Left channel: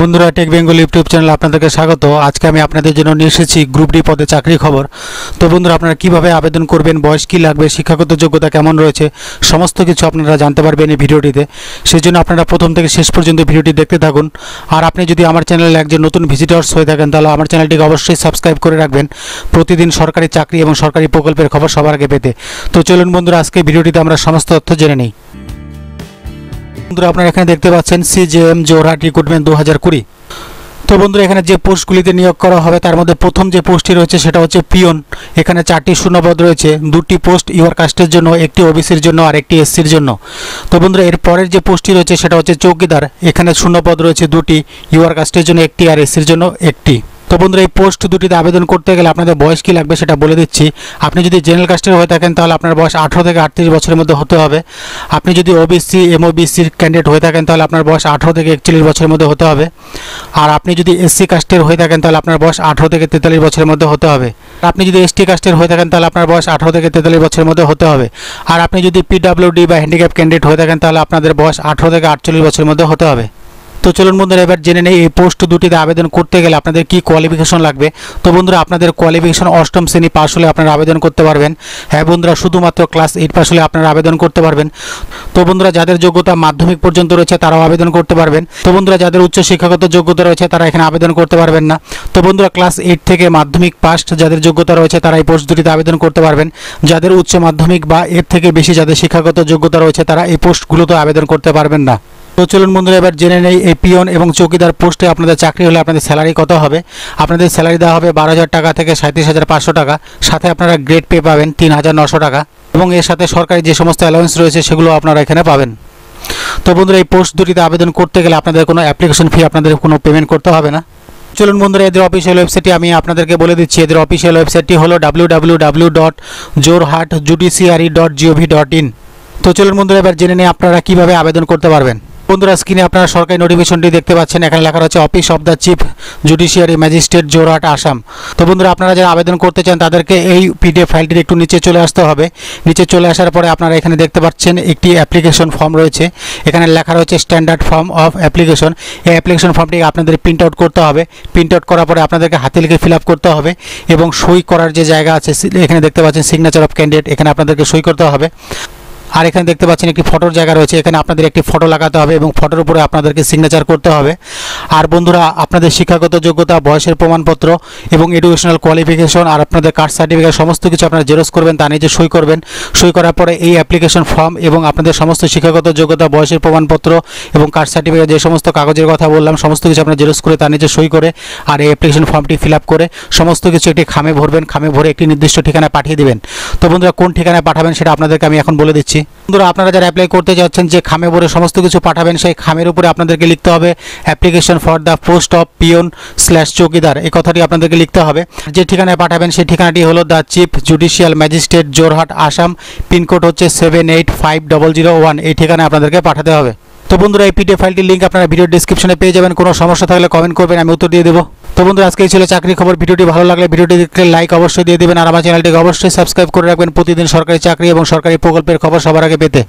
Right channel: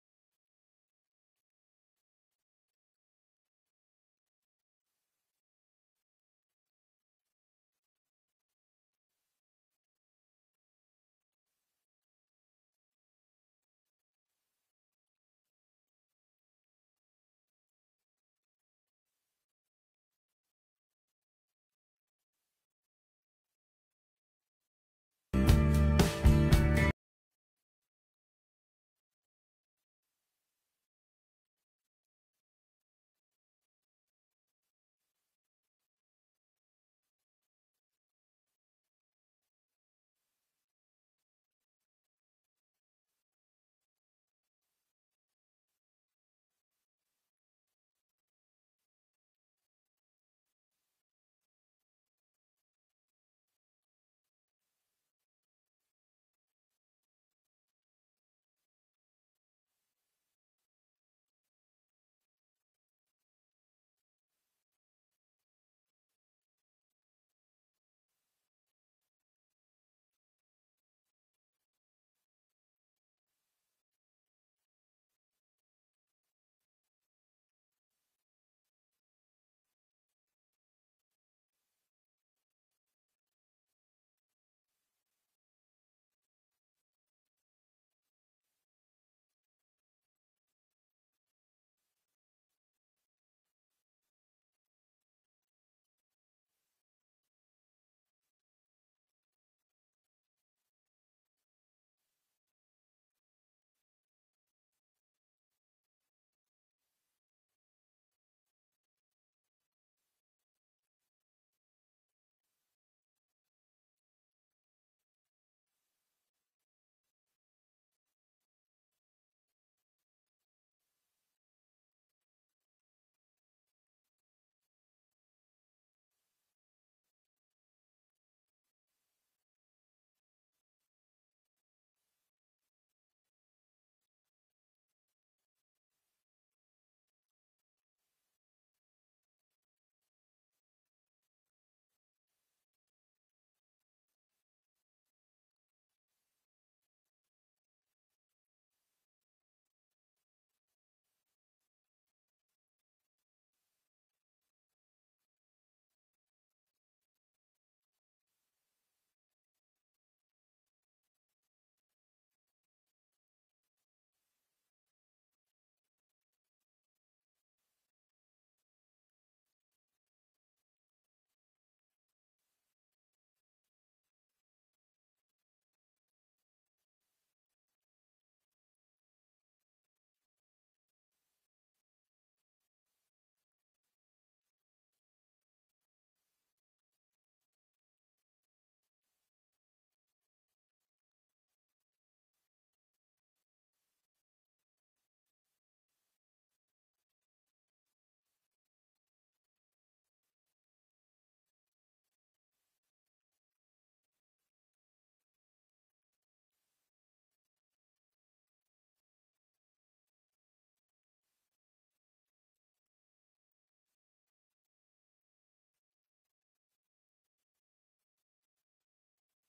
বন্ধুরা take Bengal YouTube চ্যানেলে আপনাদেরকে স্বাগত। আজকে আমি আপনাদের জন্য নিয়ে এসেছি গ্রুপ ডি পদে চাকরি খবর। তো বন্ধুরা আপনারা কিভাবে আবেদন করবেন, বয়স কী লাগবে, শিক্ষাগত যোগ্যতা কেমন রয়েছে, সমস্ত কিছু আপনারা জানতে পারবেন এই ভিডিওটিতে। সেই জন্য আপনারা প্রথম থেকে শেষ পর্যন্ত ভিডিওটি দেখতে থাকুন। আর আপনি যদি আমার চ্যানেলে একজন নতুন ভিজিটর্স হয়ে থাকেন তাহলে আমার চ্যানেলটিকে অবশ্যই সাবস্ক্রাইব করে রাখবেন প্রতিদিন সরকারি চাকরি এবং সরকারি প্রকল্পের খবর সবার আগে পেতে। তো চলুন বন্ধুরা আজকে ভিডিওটিতে আমরা সমস্ত তথ্য জেনে নিই। বন্ধুরা আপনারা এখানে দেখতে পাচ্ছেন সিজেএম জোরহাট রিক্রুটমেন্ট 2020। তো বন্ধুরা এখানে যে পোস্টগুলিতে নিয়োগ করা হবে তার মধ্যে প্রথম যে পোস্টটি রয়েছে সেটা হচ্ছে পিয়ন। এখানে 4টি শূন্যপদ রয়েছে, 2টি পোস্ট ইউআর কাস্টের জন্য, একটি ওবিসির জন্য আর একটি এসসির জন্য। তো বন্ধুরা এর পরের যে পোস্টটি রয়েছে সেটা হচ্ছে চৌকিদার। এখানে শূন্যপদ রয়েছে 2টি, ইউআর কাস্টের জন্য একটি আর এসসির জন্য একটি। তো বন্ধুরা এই পোস্ট দুটিতে আবেদন করতে গেলে আপনাদের বয়স কী লাগবে সেটা বলে দিচ্ছি। আপনি যদি জেনারেল কাস্টের হয়ে থাকেন তাহলে আপনার বয়স 18 থেকে 38 বছরের মধ্যে হতে হবে। আপনি যদি ওবিসি এমওবিসির ক্যান্ডিডেট হয়ে থাকেন তাহলে আপনার বয়স 18 থেকে 41 বছরের মধ্যে হতে হবে। আর আপনি যদি এসসি কাস্টের হয়ে থাকেন তাহলে আপনার বয়স 18 থেকে 43 বছরের মধ্যে হতে হবে। আপনি যদি এসটি কাস্টের হয়ে থাকেন তাহলে আপনার বয়স 18 থেকে 43 বছরের মধ্যে হতে হবে। আর আপনি যদি পিডব্লিউডি বা হ্যান্ডিক্যাপ ক্যান্ডিডেট হয়ে থাকেন তাহলে আপনাদের বয়স 18 থেকে 48 বছরের মধ্যে হতে হবে। তো চলুন বন্ধুরা এবার জেনে নেই এই পোস্ট দুটিতে আবেদন করতে গেলে আপনাদের কি কোয়ালিফিকেশন লাগবে। তো বন্ধুরা আপনাদের কোয়ালিফিকেশন অষ্টম শ্রেণী পাস হলে আপনারা আবেদন করতে পারবেন। হ্যাঁ বন্ধুরা, শুধুমাত্র ক্লাস 8 পাস হলে আপনারা আবেদন করতে পারবেন। তো বন্ধুরা যাদের যোগ্যতা মাধ্যমিক পর্যন্ত রয়েছে তারাও আবেদন করতে পারবেন। তো বন্ধুরা যাদের উচ্চ শিক্ষাগত যোগ্যতা রয়েছে তারা এখানে আবেদন করতে পারবেন না। তো বন্ধুরা ক্লাস 8 থেকে মাধ্যমিক পাস যাদের যোগ্যতা রয়েছে তারা এই পোস্ট দুটিতে আবেদন করতে পারবেন। যাদের উচ্চ মাধ্যমিক বা এর থেকে বেশি যাদের শিক্ষাগত যোগ্যতা রয়েছে তারা এই পোস্টগুলোতে আবেদন করতে পারবেন না। তো চলুন বন্ধুরা এবার জেনে নেই এই পিয়ন এবং চৌকিদার পোস্টে আপনাদের চাকরি হলে আপনাদের স্যালারি কত হবে। আপনাদের স্যালারি দেওয়া হবে 12,000 টাকা থেকে 37,500 টাকা। সাথে আপনারা গ্রেড পে পাবেন 3,900 টাকা এবং এর সাথে সরকারি যে সমস্ত অ্যালাউন্স রয়েছে সেগুলো আপনারা এখানে পাবেন। তো বন্ধুরা এই পোস্ট দুটিতে আবেদন করতে গেলে আপনাদের কোনো অ্যাপ্লিকেশন ফি আপনাদের কোনো পেমেন্ট করতে হবে না। চলুন বন্ধুরা এদের অফিসিয়াল ওয়েবসাইটটি আমি আপনাদেরকে বলে দিচ্ছি। এদের অফিসিয়াল ওয়েবসাইটটি হলো www.jorhatjudiciary.gov.in। তো চলুন বন্ধুরা এবার জেনে নিই আপনারা কীভাবে আবেদন করতে পারবেন। বন্ধুরা স্ক্রিনে আপনারা সরকারি নোটিফিকেশনটি দেখতে পাচ্ছেন। এখানে লেখা রয়েছে office of the chief judiciary magistrate Jorhat Assam. তো বন্ধুরা আপনারা যারা আবেদন করতে চান তাদেরকে এই পিডিএফ ফাইলটির একটু নিচে চলে আসতে হবে। নিচে চলে আসার পরে আপনারা এখানে দেখতে পাচ্ছেন একটি অ্যাপ্লিকেশন ফর্ম রয়েছে। এখানে লেখা রয়েছে স্ট্যান্ডার্ড ফর্ম অফ অ্যাপ্লিকেশন। এই অ্যাপ্লিকেশন ফর্মটি আপনাদের প্রিন্ট আউট করতে হবে। প্রিন্ট আউট করার পরে আপনাদেরকে হাতে লিখে ফিল আপ করতে হবে এবং সই করার যে জায়গা আছে এখানে দেখতে পাচ্ছেন সিগনেচার অফ ক্যান্ডিডেট, এখানে আপনাদেরকে সই করতে হবে। আর এখানে দেখতে পাচ্ছেন একটি ফটোর জায়গা রয়েছে, এখানে আপনাদের একটি ফটো লাগাতে হবে এবং ফটোর উপরে আপনাদেরকে সিগনেচার করতে হবে। আর বন্ধুরা আপনাদের শিক্ষাগত যোগ্যতা, বয়সের প্রমাণপত্র এবং এডুকেশনাল কোয়ালিফিকেশন আর আপনাদের কাস্ট সার্টিফিকেট সমস্ত কিছু আপনারা জেরক্স করবেন, তা নিজে সই করবেন। সই করার পরে এই অ্যাপ্লিকেশন ফর্ম এবং আপনাদের সমস্ত শিক্ষাগত যোগ্যতা, বয়সের প্রমাণপত্র এবং কাস্ট সার্টিফিকেট যে সমস্ত কাগজের কথা বললাম সমস্ত কিছু আপনারা জেরক্স করে তা নিজে সই করে আর এই অ্যাপ্লিকেশন ফর্মটি ফিল আপ করে সমস্ত কিছু একটি খামে ভরবেন। খামে ভরে একটি নির্দিষ্ট ঠিকানায় পাঠিয়ে দেবেন। তো বন্ধুরা কোন ঠিকানায় পাঠাবেন সেটা আপনাদেরকে আমি এখন বলে দিচ্ছি। বন্ধুরা আপনারা যারা অ্যাপ্লাই করতে যাচ্ছেন যে খামে ভরে সমস্ত কিছু পাঠাবেন সেই খামের উপরে আপনাদেরকে লিখতে হবে application for the post of peon চৌকিদার। এই কথাটি আপনাদেরকে লিখতে হবে। যে ঠিকানায় পাঠাবেন সেই ঠিকানাটি হলো the chief judicial magistrate Jorhat Assam, pin code হচ্ছে 785001। এই ঠিকানায় আপনাদেরকে পাঠাতে হবে। তো বন্ধুরা এই পিডিএফ ফাইলটির লিঙ্ক আপনারা ভিডিও ডেসক্রিপশনে পেয়ে যাবেন। কোনো সমস্যা থাকলে কমেন্ট করবেন, আমি উত্তর দিয়ে দেবো। তো বন্ধুরা আজকে এই ছিল চাকরি খবর। ভিডিওটি ভালো লাগলে ভিডিওটি দেখলে লাইক অবশ্যই দিয়ে দেবেন আর আমার চ্যানেলটিকে অবশ্যই সাবস্ক্রাইব করে রাখবেন প্রতিদিন সরকারি চাকরি এবং সরকারি প্রকল্পের খবর সবার আগে পেতে।